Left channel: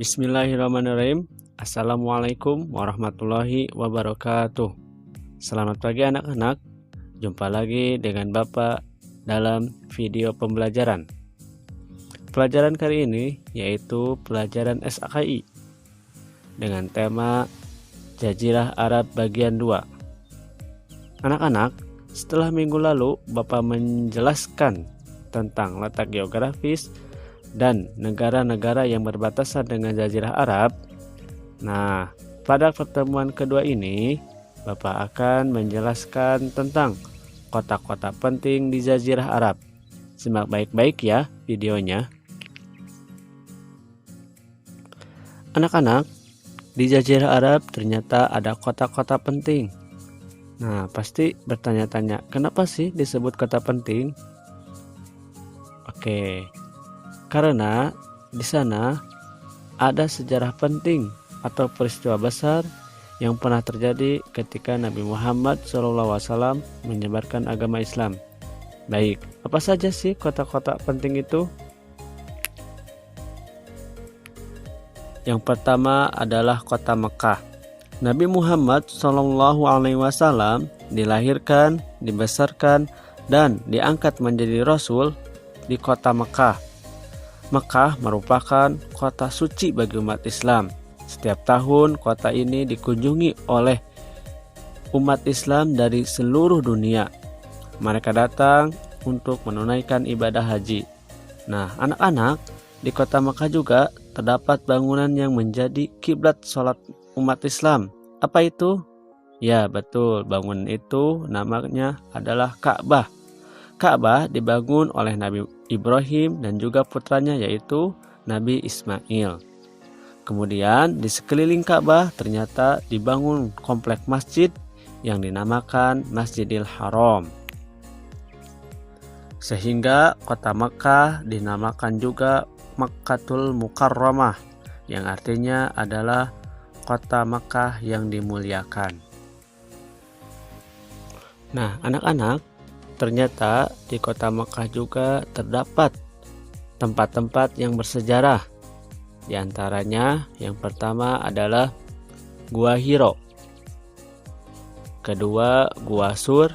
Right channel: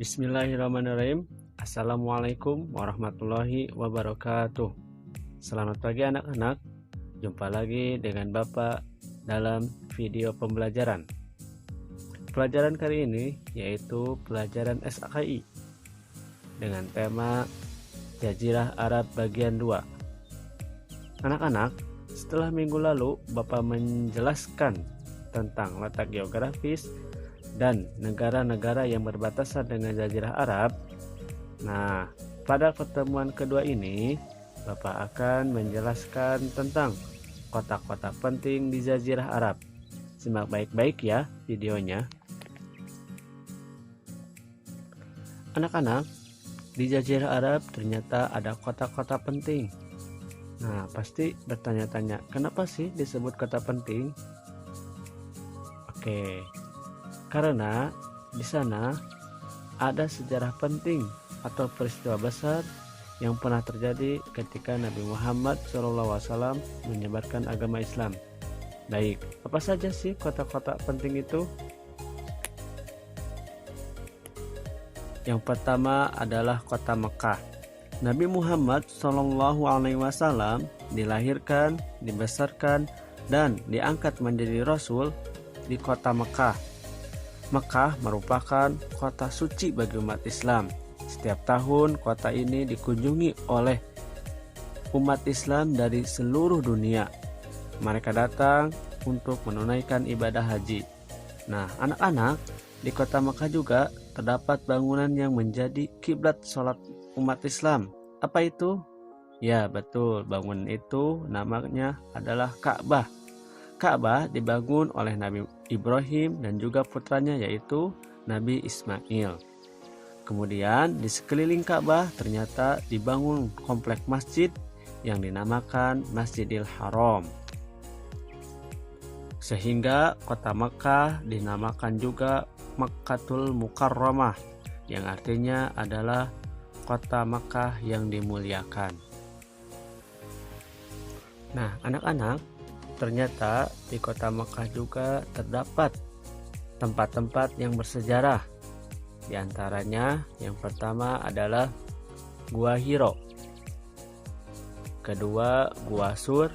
Bismillahirrahmanirrahim. Assalamualaikum warahmatullahi wabarakatuh. Selamat pagi anak-anak. Jumpa lagi dengan Bapak dalam video pembelajaran. Pelajaran kali ini yaitu pelajaran SAKI dengan tema Jazirah Arab bagian 2. Anak-anak, setelah minggu lalu Bapak menjelaskan tentang letak geografis dan negara-negara yang berbatasan dengan Jazirah Arab. Nah, pada pertemuan kedua ini, Bapak akan menjelaskan tentang kota-kota penting di Jazirah Arab. Simak baik-baik ya videonya. Anak-anak, di Jazirah Arab ternyata ada kota-kota penting. Nah, pasti bertanya-tanya, kenapa sih disebut kota penting? Oke. Karena di sana ada sejarah penting atau peristiwa besar yang pernah terjadi ketika Nabi Muhammad SAW menyebarkan agama Islam. Baik, apa saja sih kota-kota penting itu? Yang pertama adalah kota Mekah. Nabi Muhammad SAW dilahirkan, dibesarkan, dan diangkat menjadi Rasul di kota Mekah. Mekah merupakan kota suci bagi umat Islam. Setiap tahun kota ini dikunjungi oleh umat Islam dari seluruh dunia. Mereka datang untuk menunaikan ibadah haji. Nah, anak-anak, di kota Mekah juga terdapat bangunan yang menjadi kiblat sholat umat Islam. Apa itu? Ya, betul, bangunan itu namanya adalah Ka'bah. Ka'bah dibangun oleh Nabi Ibrahim dan juga putranya yaitu Nabi Ismail. Kemudian di sekeliling Ka'bah ternyata dibangun komplek masjid yang dinamakan Masjidil Haram. Sehingga kota Makkah dinamakan juga Makkatul Mukarramah, yang artinya adalah kota Makkah yang dimuliakan. Nah, anak-anak, ternyata di kota Mekah juga terdapat tempat-tempat yang bersejarah. Di antaranya yang pertama adalah Gua Hiro, kedua Gua Sur,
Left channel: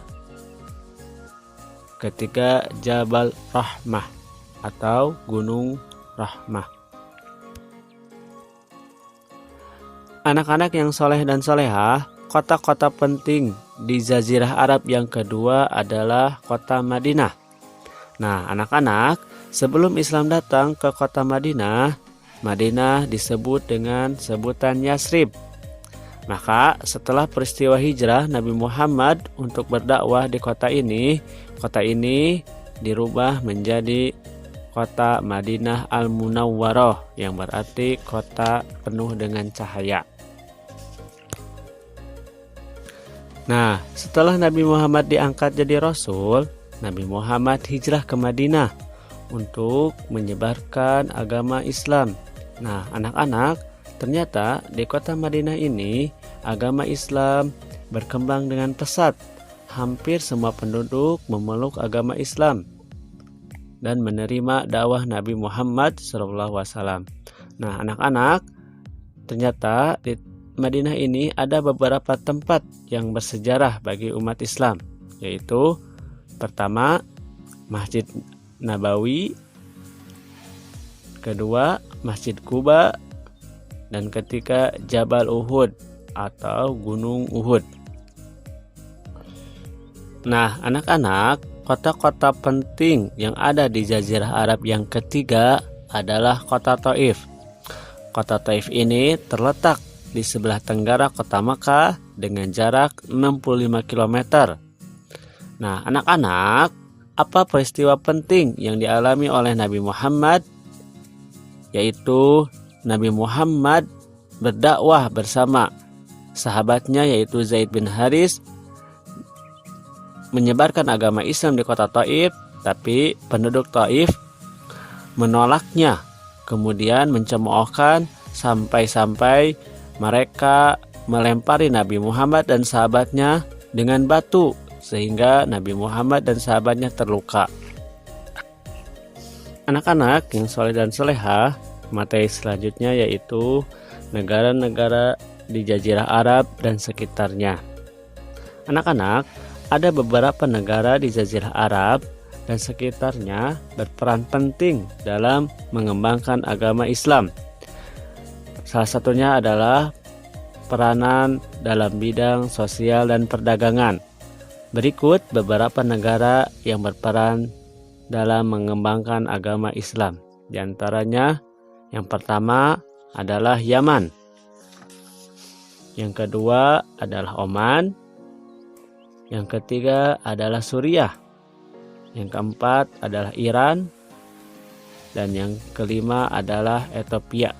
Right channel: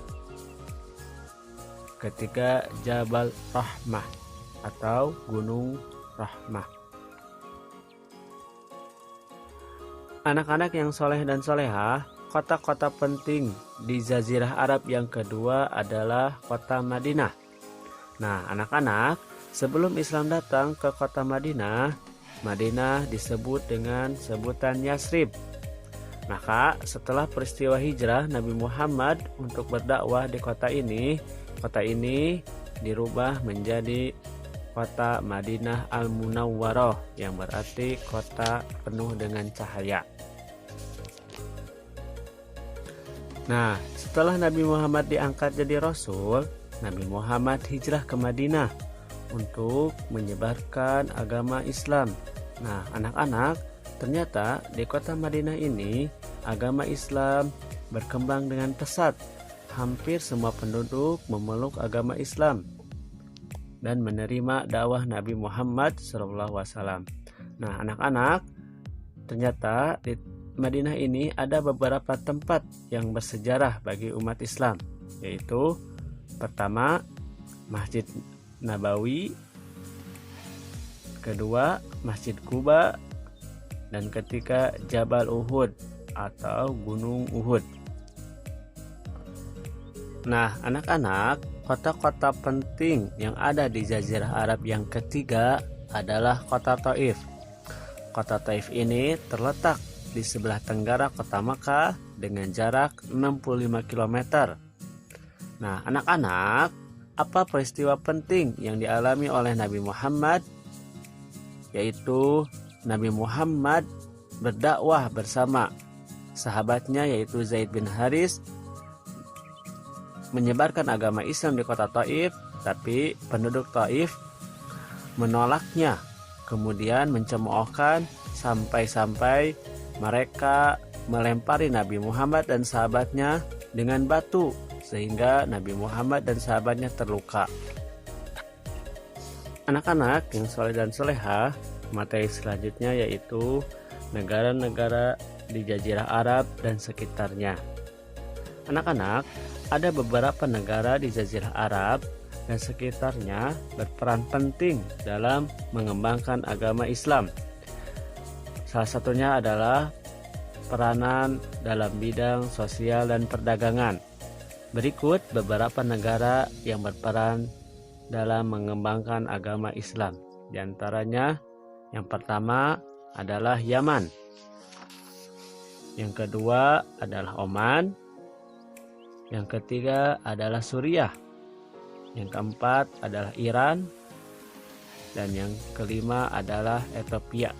ketiga Jabal Rahmah atau Gunung Rahmah. Anak-anak yang soleh dan solehah, kota-kota penting di Jazirah Arab yang kedua adalah kota Madinah. Nah, anak-anak, sebelum Islam datang ke kota Madinah, Madinah disebut dengan sebutan Yasrib. Maka setelah peristiwa hijrah Nabi Muhammad untuk berdakwah di kota ini dirubah menjadi kota Madinah Al-Munawwarah, yang berarti kota penuh dengan cahaya. Nah, setelah Nabi Muhammad diangkat jadi Rasul, Nabi Muhammad hijrah ke Madinah untuk menyebarkan agama Islam. Nah, anak-anak, ternyata di kota Madinah ini agama Islam berkembang dengan pesat. Hampir semua penduduk memeluk agama Islam dan menerima dakwah Nabi Muhammad SAW. Nah, anak-anak, ternyata di Madinah ini ada beberapa tempat yang bersejarah bagi umat Islam, yaitu pertama Masjid Nabawi, kedua Masjid Quba, dan ketiga Jabal Uhud atau Gunung Uhud. Nah, anak-anak, kota-kota penting yang ada di Jazirah Arab yang ketiga adalah kota Taif. Kota Taif ini terletak di sebelah tenggara kota Makkah dengan jarak 65 km. Nah, anak-anak, apa peristiwa penting yang dialami oleh Nabi Muhammad? Yaitu Nabi Muhammad berdakwah bersama sahabatnya yaitu Zaid bin Haris, menyebarkan agama Islam di kota Taif, tapi penduduk Taif menolaknya, kemudian mencemoohkan sampai-sampai mereka melempari Nabi Muhammad dan sahabatnya dengan batu, sehingga Nabi Muhammad dan sahabatnya terluka. Anak-anak yang soleh dan solehah, Materi selanjutnya yaitu negara-negara di Jazirah Arab dan sekitarnya. Anak-anak, ada beberapa negara di Jazirah Arab dan sekitarnya berperan penting dalam mengembangkan agama Islam. Salah satunya adalah peranan dalam bidang sosial dan perdagangan. Berikut beberapa negara yang berperan dalam mengembangkan agama Islam. Di antaranya, yang pertama adalah Yaman. Yang kedua adalah Oman. Yang ketiga adalah Suriah. Yang keempat adalah Iran. Dan yang kelima adalah Ethiopia.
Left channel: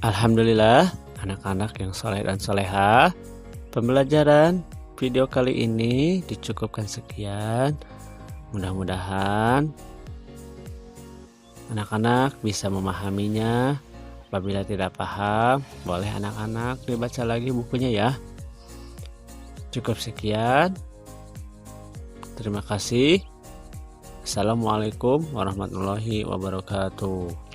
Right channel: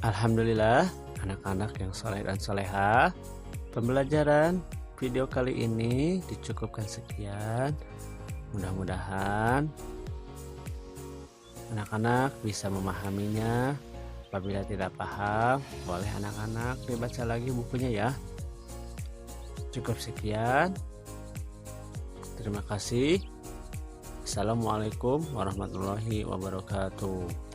Alhamdulillah, anak-anak yang soleh dan solehah, pembelajaran video kali ini dicukupkan sekian. Mudah-mudahan anak-anak bisa memahaminya. Apabila tidak paham, boleh anak-anak dibaca lagi bukunya ya. Cukup sekian. Terima kasih. Assalamualaikum warahmatullahi wabarakatuh.